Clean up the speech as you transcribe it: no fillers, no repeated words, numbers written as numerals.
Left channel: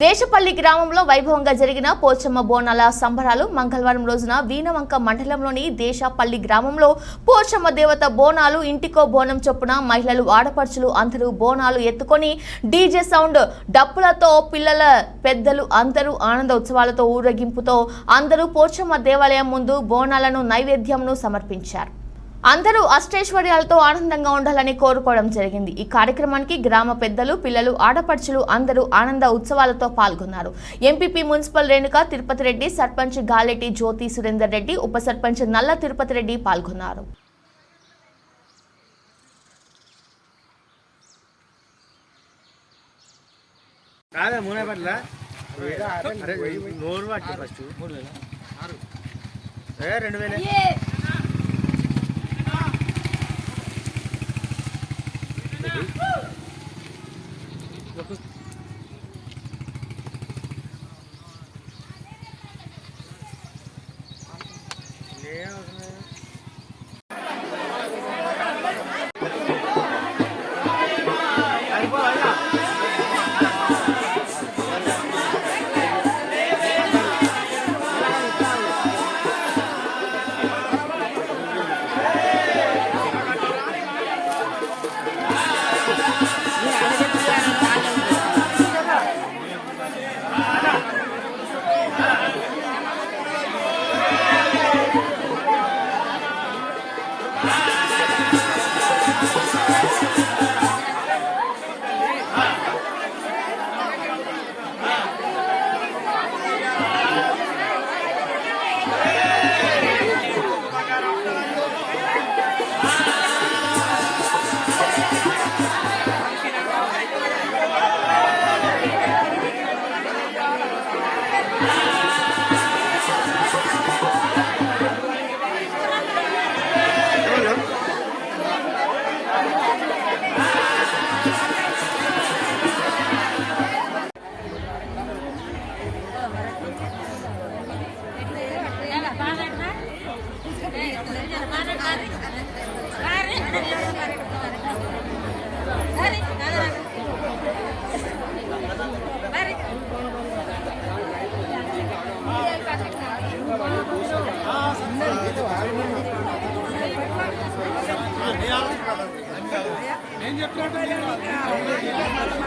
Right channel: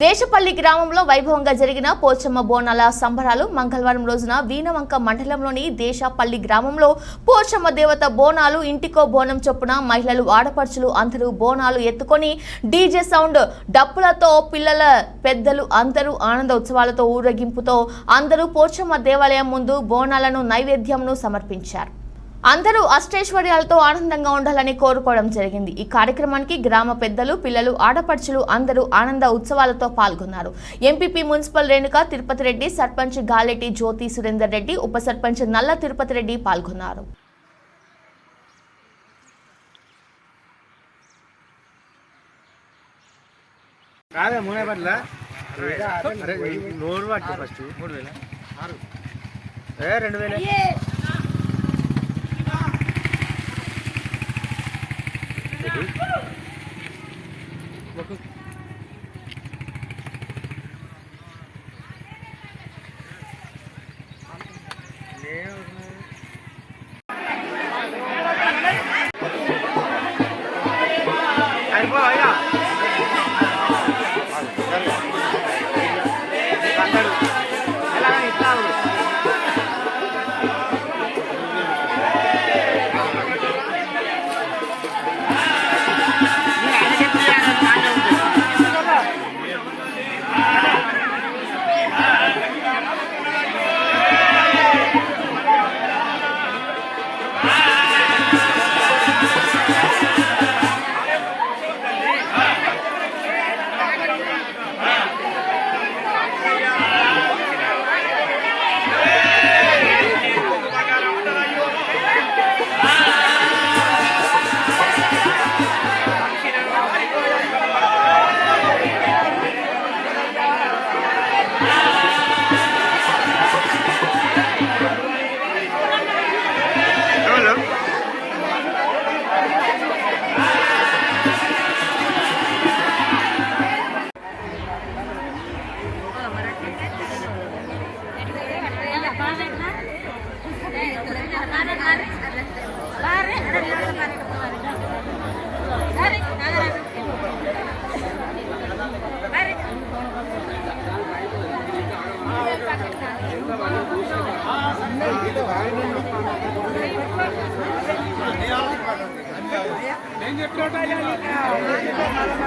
దేశపల్లి గ్రామంలో వైభవంగా జరిగిన పోచమ్మ బోనాల సంబరాలు మంగళవారం రోజున వీణవంక మండలంలోని దేశపల్లి గ్రామంలో పోచమ్మ దేవత బోనాలు ఇంటికో బోనం చొప్పున మహిళలు ఆడపడుచులు అందరూ బోనాలు ఎత్తుకొని డీజే సౌండ్ డప్పులతో పిల్లల పెద్దలు అందరూ ఆనంద ఉత్సవాలతో ఊరేగింపుతో అందరూ పోచమ్మ దేవాలయం ముందు బోనాలను నైవేద్యంను సమర్పించారు. అందరూ అష్టైశ్వర్యాలతో ఆనందంగా ఉండాలని కోరుకోవడం జరిగింది. ఈ కార్యక్రమానికి గ్రామ పెద్దలు పిల్లలు ఆడపడుచులు అందరూ ఆనంద ఉత్సవాలతో పాల్గొన్నారు. ఎంపీపీ మున్సిపల్ రేణుక తిరుపతి రెడ్డి, సర్పంచ్ గాలెటి జ్యోతి సురేందర్ రెడ్డి, ఉప సర్పంచ్ నల్ల తిరుపతి రెడ్డి పాల్గొన్నారు.